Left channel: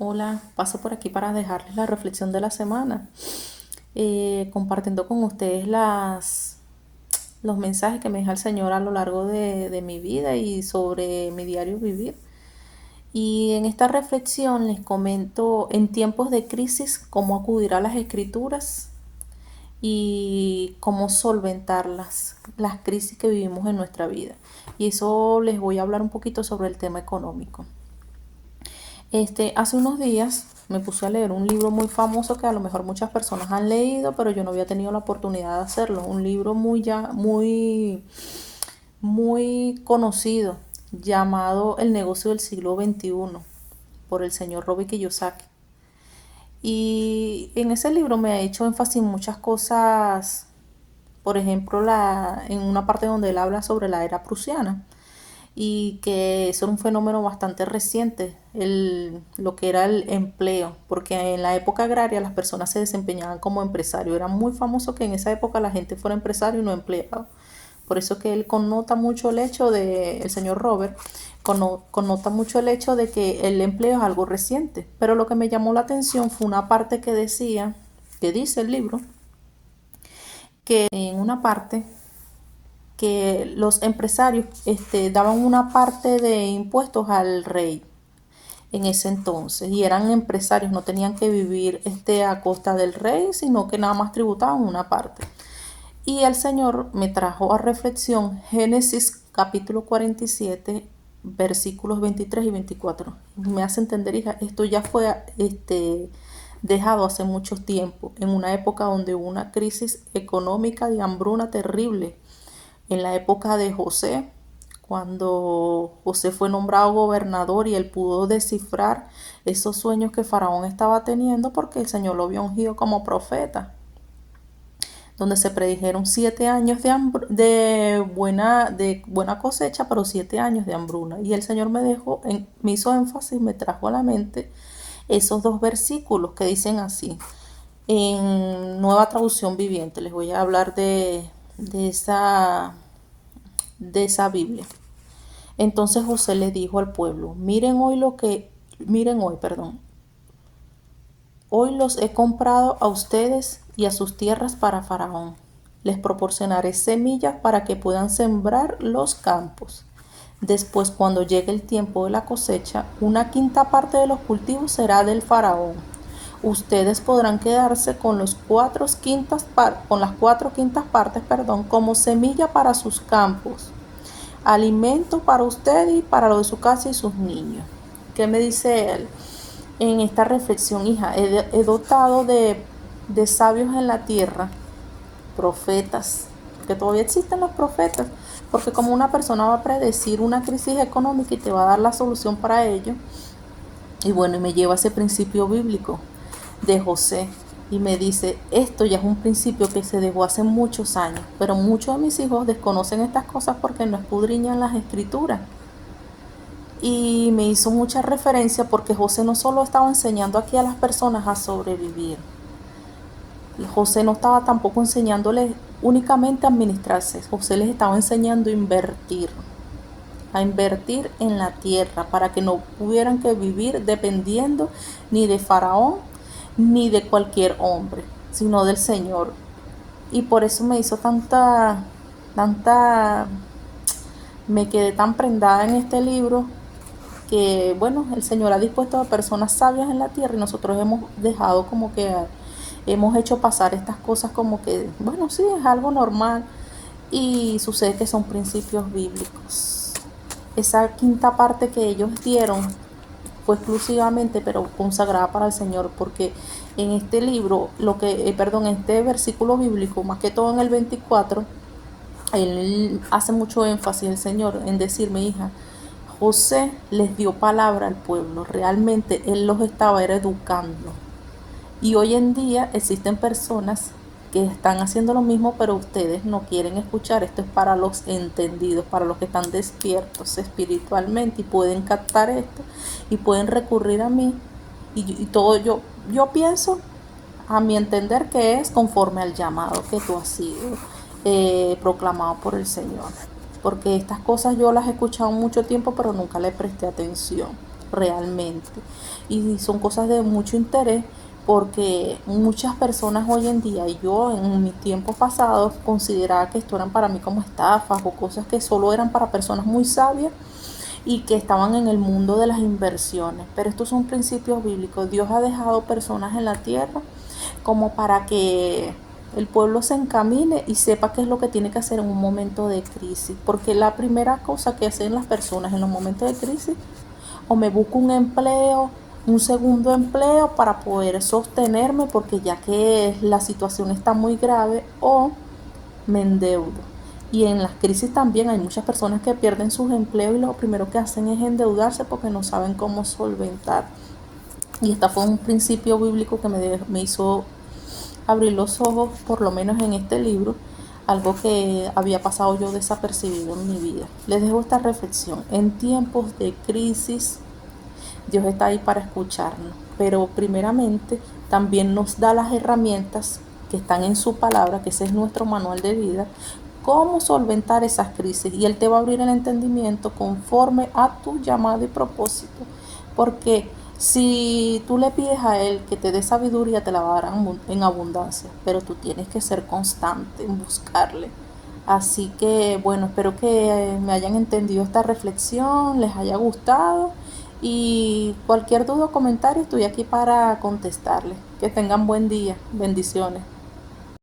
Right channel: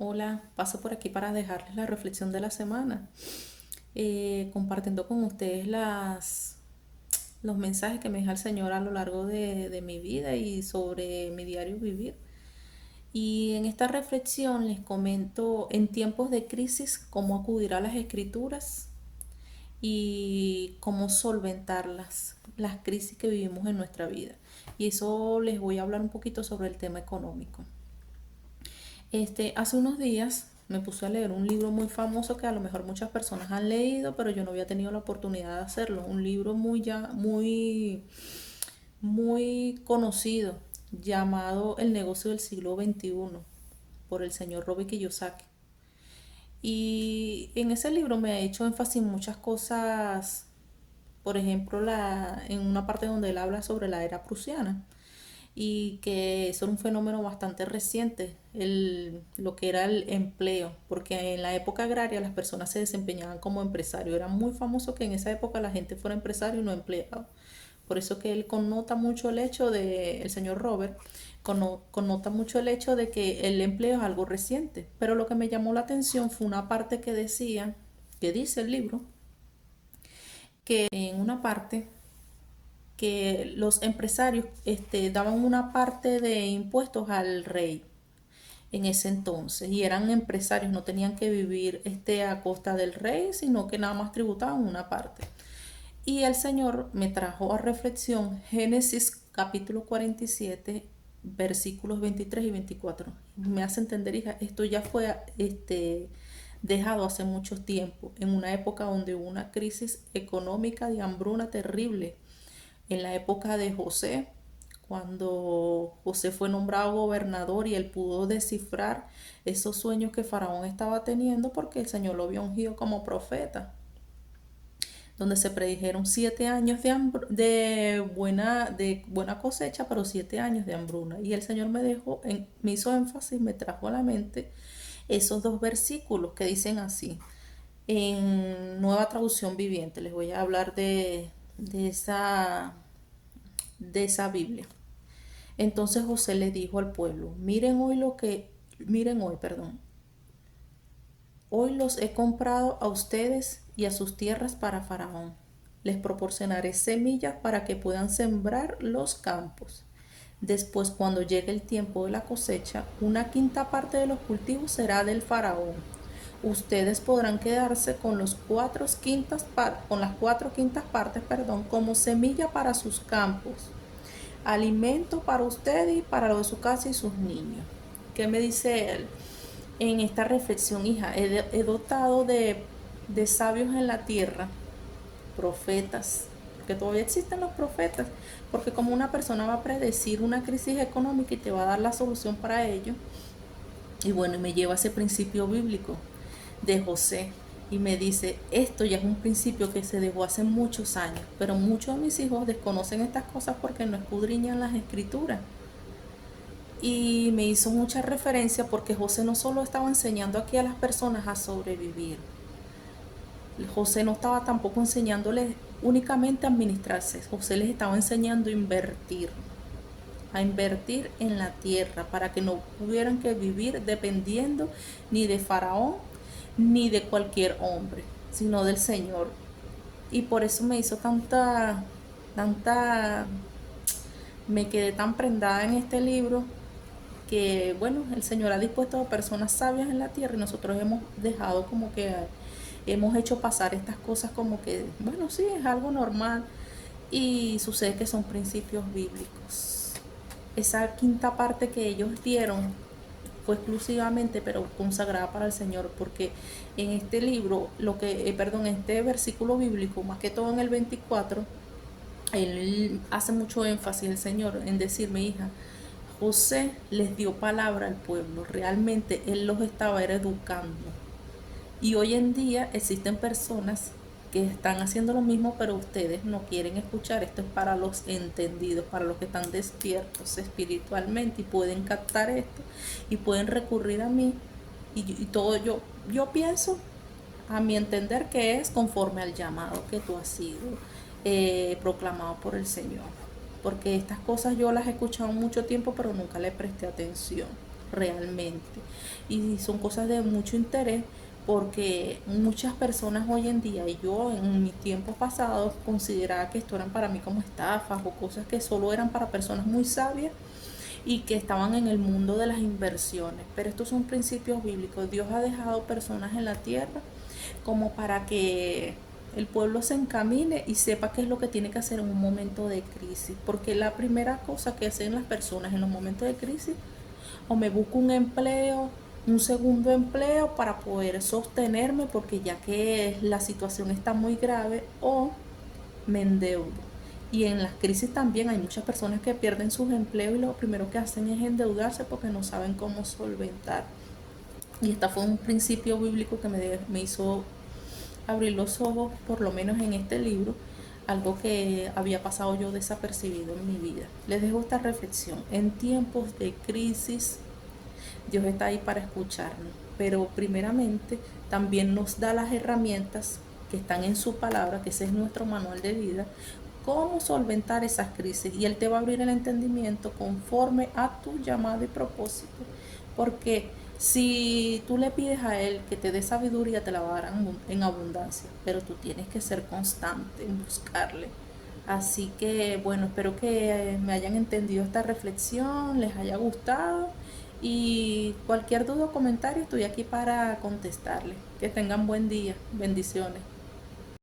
Hola, paso por aquí para dejarles la reflexión de la semana, compartiendo con ustedes los mensajes que me deja el Señor a lo largo de mi vida y sobre mi diario vivir. Y en esta reflexión les comento en tiempos de crisis cómo acudir a las escrituras y cómo solventar las crisis que vivimos en nuestra vida. Y eso les voy a hablar un poquito sobre el tema económico. Hace unos días me puse a leer un libro muy famoso que a lo mejor muchas personas han leído, pero yo no había tenido la oportunidad de hacerlo. Un libro muy conocido llamado El negocio del siglo XXI por el señor Robert Kiyosaki. Y en ese libro me ha hecho énfasis en muchas cosas, por ejemplo, en una parte donde él habla sobre la era prusiana y que eso era un fenómeno bastante reciente, lo que era el empleo, porque en la época agraria las personas se desempeñaban como empresarios. Era muy famoso que en esa época la gente fuera empresario y no empleado. Por eso que él connota mucho el hecho el señor Robert, connota mucho el hecho de que el empleo es algo reciente. Pero lo que me llamó la atención fue una parte que decía, que dice el libro, que en una parte que los empresarios daban una parte de impuestos al rey en ese entonces y eran empresarios, no tenían que vivir a costa del rey, sino que nada más tributaban una parte. Y el Señor me trajo a reflexión Génesis capítulo 47 versículos 23 y 24. Me hace entender, hija, esto ya fue dejado hace mucho tiempo, en una época donde hubo una crisis económica de hambruna terrible, en la época de José, cuando José fue nombrado gobernador y él pudo descifrar esos sueños que Faraón estaba teniendo porque el Señor lo había ungido como profeta, donde se predijeron 7 años de buena cosecha, pero 7 años de hambruna. Y el Señor me hizo énfasis, me trajo a la mente esos dos versículos que dicen así. En Nueva Traducción Viviente les voy a hablar de esa de esa Biblia. Entonces José le dijo al pueblo: miren hoy, perdón, hoy los he comprado a ustedes y a sus tierras para Faraón. Les proporcionaré semillas para que puedan sembrar los campos. Después, cuando llegue el tiempo de la cosecha, una quinta parte de los cultivos será del Faraón. Ustedes podrán quedarse con las cuatro quintas partes, como semilla para sus campos, alimento para usted y para lo de su casa y sus niños. ¿Qué me dice él en esta reflexión, hija? He dotado de sabios en la tierra, profetas, que todavía existen los profetas, porque como una persona va a predecir una crisis económica y te va a dar la solución para ello. Y bueno, y me lleva a ese principio bíblico de José y me dice: esto ya es un principio que se dejó hace muchos años, pero muchos de mis hijos desconocen estas cosas porque no escudriñan las escrituras. Y me hizo mucha referencia porque José no solo estaba enseñando aquí a las personas a sobrevivir, José no estaba tampoco enseñándoles únicamente a administrarse. José les estaba enseñando a invertir en la tierra para que no tuvieran que vivir dependiendo ni de Faraón ni de cualquier hombre, sino del Señor. Y por eso me hizo tanta, me quedé tan prendada en este libro, que bueno, el Señor ha dispuesto a personas sabias en la tierra y nosotros hemos dejado como que hemos hecho pasar estas cosas como que, bueno, sí, es algo normal, y sucede que son principios bíblicos. Esa quinta parte que ellos dieron fue exclusivamente, pero consagrada para el Señor, porque en este libro, en este versículo bíblico, más que todo en el 24, él hace mucho énfasis, el Señor, en decirme: hija, José les dio palabra al pueblo, realmente él los estaba educando. Y hoy en día existen personas que están haciendo lo mismo, pero ustedes no quieren escuchar. Esto es para los entendidos, para los que están despiertos espiritualmente y pueden captar esto y pueden recurrir a mí. Y todo yo pienso, a mi entender, que es conforme al llamado que tú has sido proclamado por el Señor. Porque estas cosas yo las he escuchado mucho tiempo, pero nunca le presté atención. realmente. Y son cosas de mucho interés porque muchas personas hoy en día, y yo en mis tiempos pasados, consideraba que esto eran para mí como estafas o cosas que solo eran para personas muy sabias y que estaban en el mundo de las inversiones. Pero estos son principios bíblicos. Dios ha dejado personas en la tierra como para que el pueblo se encamine y sepa qué es lo que tiene que hacer en un momento de crisis. Porque la primera cosa que hacen las personas en los momentos de crisis, o me busco un empleo, un segundo empleo para poder sostenerme, porque ya que la situación está muy grave, o me endeudo. Y en las crisis también hay muchas personas que pierden sus empleos y lo primero que hacen es endeudarse porque no saben cómo solventar. Y este fue un principio bíblico que me hizo abrir los ojos, por lo menos en este libro, algo que había pasado yo desapercibido en mi vida. Les dejo esta reflexión. En tiempos de crisis, Dios está ahí para escucharnos, pero primeramente también nos da las herramientas que están en su palabra, que ese es nuestro manual de vida, cómo solventar esas crisis, y Él te va a abrir el entendimiento conforme a tu llamado y propósito, porque si tú le pides a Él que te dé sabiduría, te la va a dar en abundancia, pero tú tienes que ser constante en buscarle. Así que bueno, espero que me hayan entendido esta reflexión, les haya gustado, y cualquier duda o comentario estoy aquí para contestarles. Que tengan buen día. Bendiciones.